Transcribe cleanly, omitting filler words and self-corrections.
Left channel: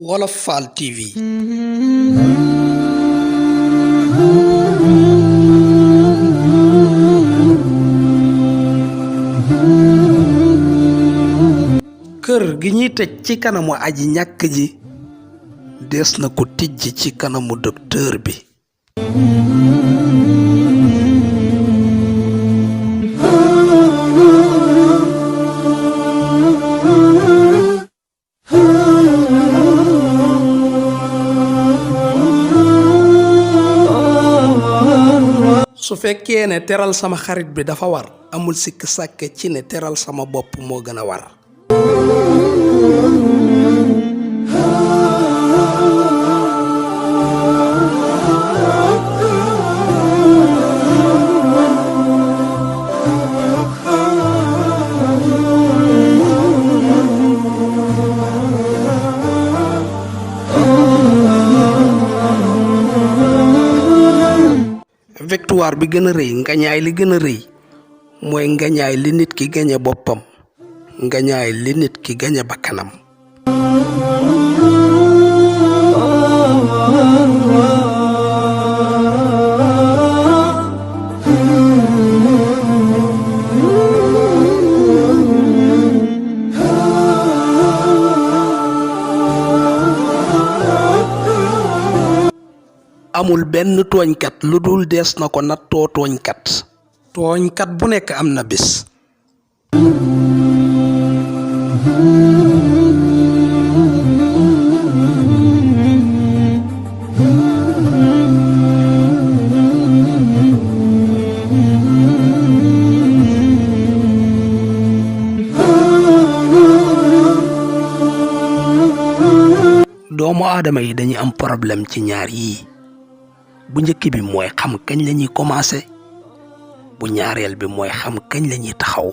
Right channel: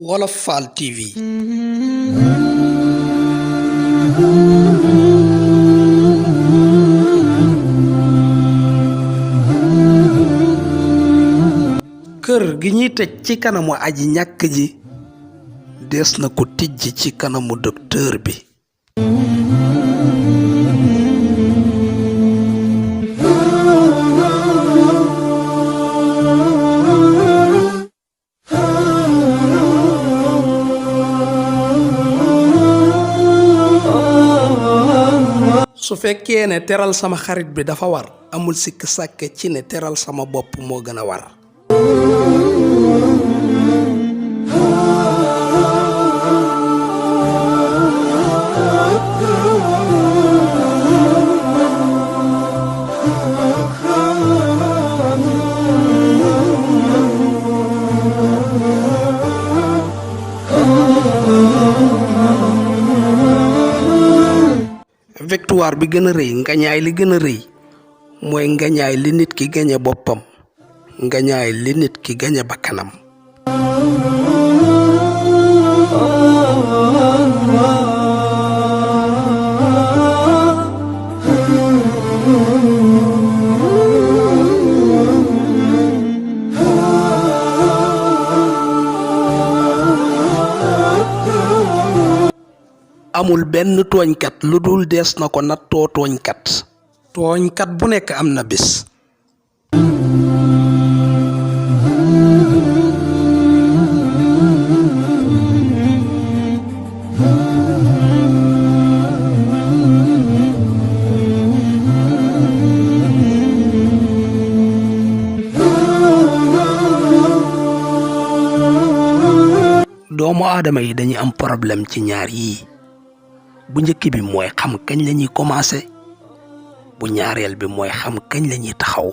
Wolof Fall TV. kër gi ñuy tëj ci kanamu aji ñàkk ji des na ko tijji ci kanamu docteur bi. su fekkee ne teral sama xarit bi dafa war amul sikk sàkke ci ne teral sama bopp moo gën a war. victoire bi gën a rëy ngañaay li gën a rëy mooy ngañaay li nit ki gañe boppam ngañaay li nit ki gañe bakkanam. amul benn tooñkat lu dul dees na ko nattoo tooñkat bu nekk am na bis. doomu aadama yi dañuy am problème ci ñaar yii. bu njëkk bi mooy xam kañ la ñuy commencé bu ñaareel bi mooy xam kañ la ñuy taxaw.